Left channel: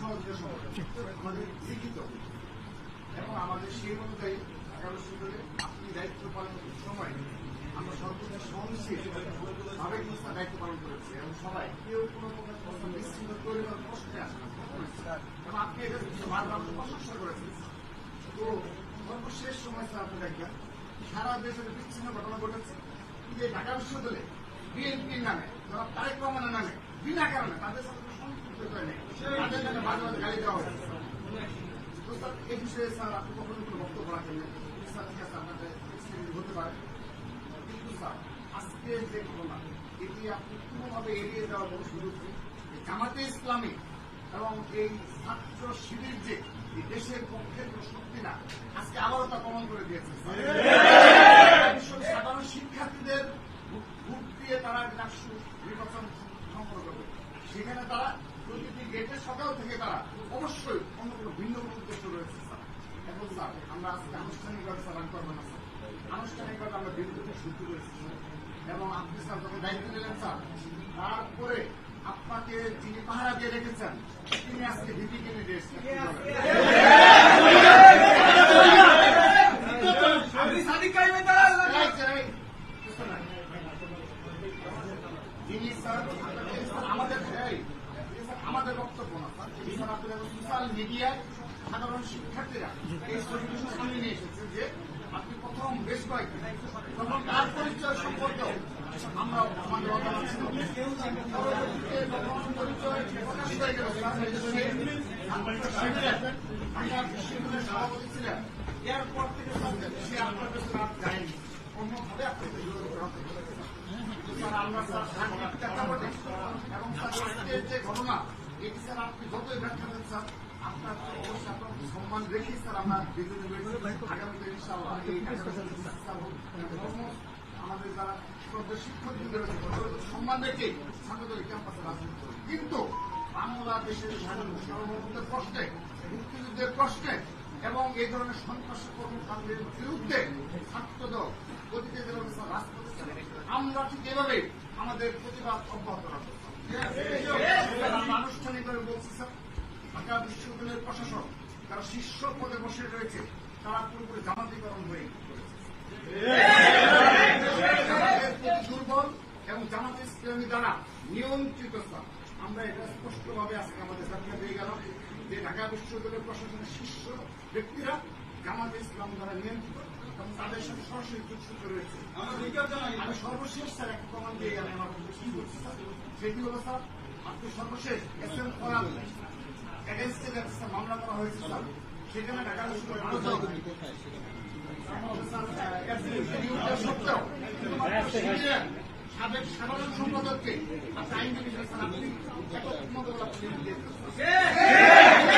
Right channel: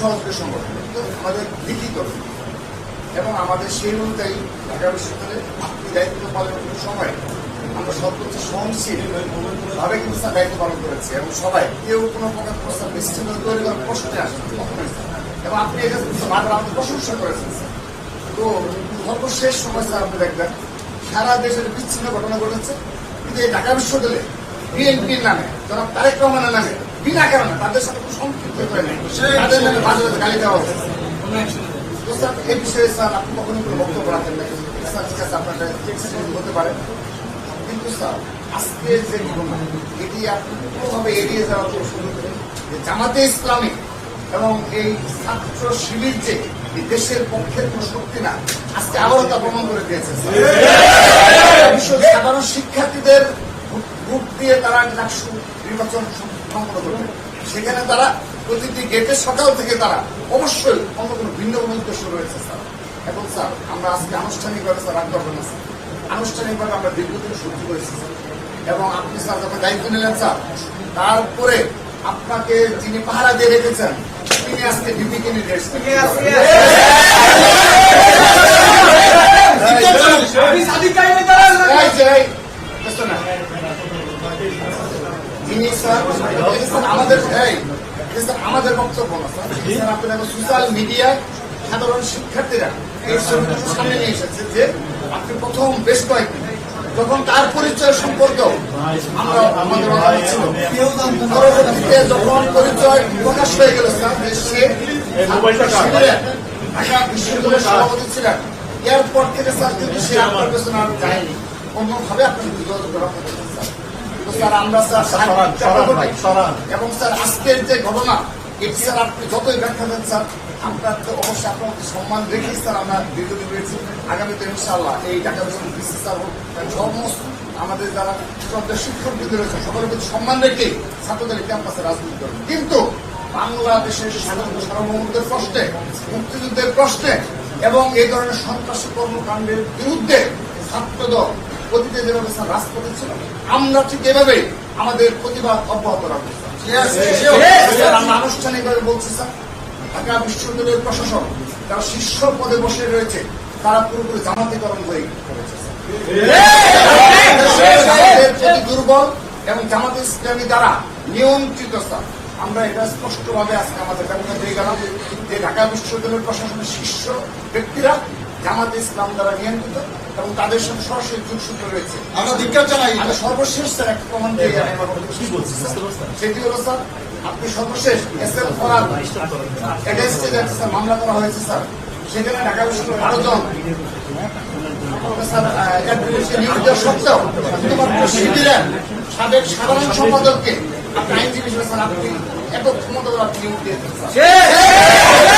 সহযোগী সংগঠন, আমাদের লিখিত এবং আমাদের সেই অনুযায়ী ঢাকা বিশ্ববিদ্যালয়ে আপনি দায়িত্ব পালনের সময় আমরা সর্বোচ্চ সহনশীল ভাবে কিন্তু দায়িত্ব পালন করেছি এবং সবাই কেউ কোনো প্রকার প্রস্তাব বিচ্ছিন্ন তৈরি করার প্রশ্নে আসেন এবং আপনি এটা বারবার আমাদের প্রশংসা করেছেন তো সর্বশেষ সময়, স্যার, আপনি দেখবেন সারা দেশের বিচ্ছিন্ন ঘটনা ঘটেছে। কিন্তু এই ঢাকা বিশ্ববিদ্যালয়ে বিএনপির নামে, জনাব তারেক রহমানের নামে বিনা কারণে তাদের সাথে কোনো সম্পৃক্ত তাদের নামে মাঝে মাঝে গালি দেওয়া হচ্ছে এই বিষয়ে স্যার আপনি কখনোই কোনো বক্তব্য রাখেন নাই। স্যার ঠিক আছে আপনার হতে পারে। কিন্তু স্যার আজকে যে ঘটনা এটি আপনি কোনোভাবে এড়িয়ে যাওয়ার জন্য সুযোগ নেই যে জামাতে ইসলামী এবং এই ছাত্র শিবির যে দেশের পক্ষের কোনো শক্তি না আজকে আবারও তা প্রমাণ করে দিয়েছে সাধারণ শিক্ষার্থীদের গ্রুপ দিয়ে তারা ডাকসু নির্বাচন সম্পন্ন করবে। সেখানে তারা প্রতিটি গেটে সকাল থেকে তারা অবশ্যই অন্য কোনো ভিন্ন কোনো উদ্দেশ্য রয়েছে স্যার। এখন স্যার আমরা আজকে আনুষ্ঠানিকভাবে স্যার রাখতে পারব না স্যার আনুষ্ঠানিকভাবে আমরা দীর্ঘদিন সহ্য করেছি স্যার। এবং আপনি স্যার যখন দায়িত্ব নিলেন স্যার তারপরে আপনাকে যিনি পাহারা দিয়ে রেখেছেন তিনি আজকে ডিপিকে নিয়ে এসেছেন আমাদের এই এই স্যার আমাদের বক্তব্য না স্যার। আপনার সোশ্যাল মিডিয়ায় সাধারণ শিক্ষার্থীরা এই সামনে নিয়ে এসেছে যে আপনি প্রথম বেশ কয়েকদিন যখন তার পরিচয় সম্পর্ক আমরা আমাদের অজানা ছিল পরবর্তীতে যখন পরিচয় প্রকাশ হয়ে গেল স্যার সে ঢাকা বিশ্ববিদ্যালয়ের সভাপতি ছিলেন। এরপর থেকে স্যার কিন্তু সে আপনার পেছনে আর যায়নি। অন্যভাবে যোগাযোগ করা স্যার আমরা স্যার। এবং স্যার আজকের যে ঘটনা এটি স্যার আপনি যতই ব্যাখ্যা দেন স্যার তো অবশ্যই আপনার সম্মান রেখেই স্যার আমরা রয়েছি আগামীতে ইনশাআল্লাহ এই ঢাকা বিসি স্যার হোক সমস্ত আমাদের যারা শিক্ষক রয়েছে সকলের প্রতি সম্মান রেখে ছাত্রদের ক্যাম্পাসে রাজনীতি করবেন কিন্তু বাংলাদেশের স্বাধীনতা সার্বভৌমত্বের প্রশ্নে মুক্তিযুদ্ধের প্রশ্নে এবং এই ধরনের সন্ত্রাসী কর্মকাণ্ডের বিরুদ্ধে ছাত্রদল অতীতে যেভাবে স্যার রাজপথে ছিল আমরা ঠিক এভাবে আমাদের প্রতিবাদ অব্যাহত রাখব স্যার। আমরা আনুষ্ঠানিকভাবে বলছি স্যার ঢাকা বিশ্ববিদ্যালয়ের প্রশাসন যারা শীর্ষ পদে বসে রয়েছে তারা পুরোপুরি জামাতিকরণ হয়ে দুর্বল এবং জামাত ইসলামী দ্বারা নিয়ন্ত্রিত স্যার। আমরা এটা স্পষ্টভাবে আজকে আমাদের ব্যবস্থা দিয়ে গেলাম যে ঢাকা বিশ্ববিদ্যালয়ের প্রশাসনের শীর্ষ ব্যক্তিরা জামাত ইসলাম দ্বারা নিয়ন্ত্রিত এবং তাদের সাথে সরাসরি যোগসূত্র রয়েছে। আমরা ধিক্কার জানাই আমি সর্বশেষ স্যার একটা প্রমাণ দিয়ে কি বলছি সেটি হলো স্যার আপনি সর্বশেষ এস এগেনস্টে যে স্যার মামলা করা হয়েছে স্যার। সেখানে ঢাকা বিশ্ববিদ্যালয়ের আরও জন সত্ত্বেও শুধুমাত্র শিবিরের সাবেক সাধারণ সম্পাদককে আপনি আইনজীবী হিসেবে স্যার আপনি এত ক্ষমতা আপনি নিয়োগ দিয়েছেন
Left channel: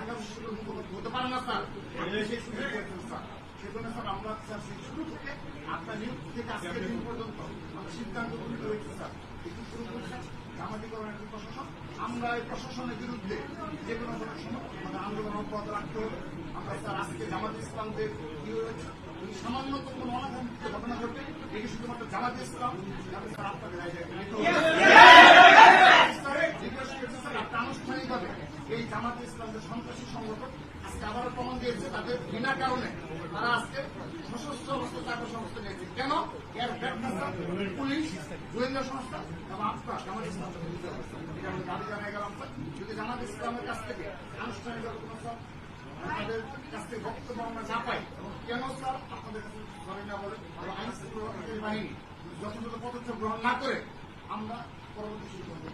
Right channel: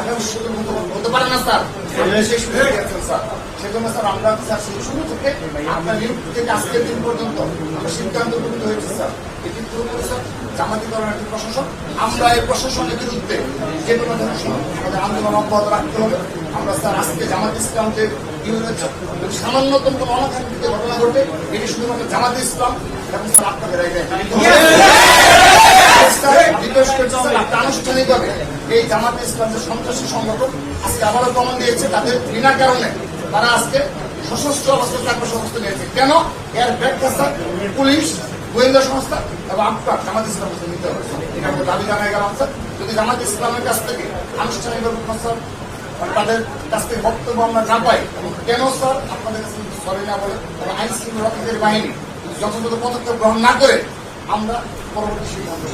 ঢাকা বিশ্ববিদ্যালয়ের মুখপাত্র হতে না স্যার। আপনি সেই সুযোগ স্যার সেজন্য স্যার আমরা স্যার সেই শুরু থেকে আপনার নিয়োগ থেকে আজকের দিন পর্যন্ত সিদ্ধান্ত গ্রহণ হয়েছে স্যার। এটি পুরোপুরি স্যার জামাতিকরণ একটি প্রশাসন। আমরা এই প্রশাসনের বিরুদ্ধে যে কোনো ধরনের আমাদের আন্দোলন অব্যাহত রাখতে হবে। আমরা স্যার আজকে জামাত ইসলাম যে কি হয়েছে সামান্যতম কোনো অনাকাঙ্ক্ষিত ঘটনা ঘটবে। এটি শুধুমাত্র জামাত ইসলাম এবং স্যার আপনাদের আনুষ্ঠানিকভাবে এই জামাত ইসলাম যে সন্ত্রাসী সংগঠন আজকে আবারও প্রমাণ দিয়েছে তাদের বিনা কারণে তারা আজকে সশস্ত্র অবস্থায় চাকরি অবস্থা নিয়েছে। কেন? এর ব্যাখ্যা পুলিশ, গোয়েন্দা সংস্থা এবং আপনার জামাত ইসলাম নিতে হবে। এটা দাবি জানাই গেলাম স্যার যদি জামাত ইসলামের কাছ থেকে আনুষ্ঠানিকভাবে মানে তাদের কাছ থেকে বক্তব্য আমরা না পাই, এবং কেন স্যার আপনাদের কাছে সরি না বলে এবং আইন শৃঙ্খলা বাহিনী যথাযথ পদক্ষেপ গ্রহণ না করে আমরা পরবর্তী সিদ্ধান্ত